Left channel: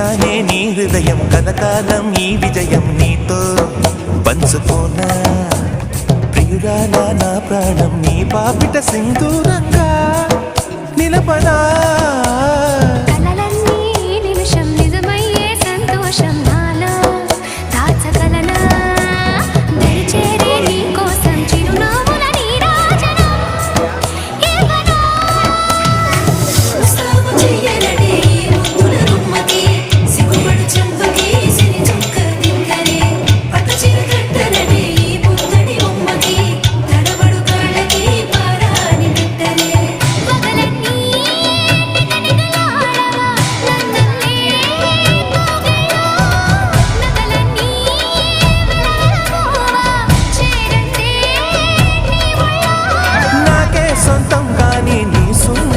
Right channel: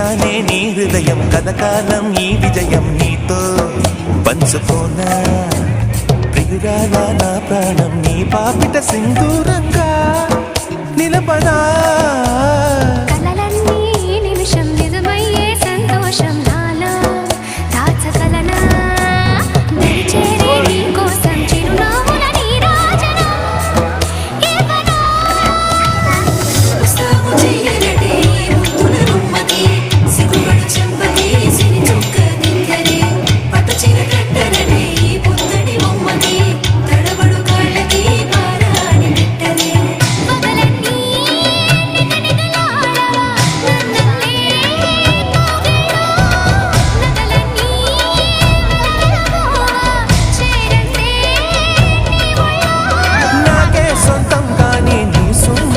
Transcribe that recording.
గెలిచానే నీ హృదయం కథకాలం ఈ విజయం నీతో పంచుకోనా ప్రియురాలా నా ప్రాణం నీ పాపిట సింధూరంగా నిలపదా కలలన్నీ నిమిషం నిజమయ్యే సంతోషం నాలో దాచగలనా దరిచేరే నీ కోసం చిరునవ్వుల నీరాజనం ఇవ్వనా పగలన్నీ నిగనిగలాడవా నన్నల్లే కోగిలో నగలన్నీ వెలవెలబోవా చేరందే నీ ఒళ్ళో నాకే సొంతం కానీ నీ సున్న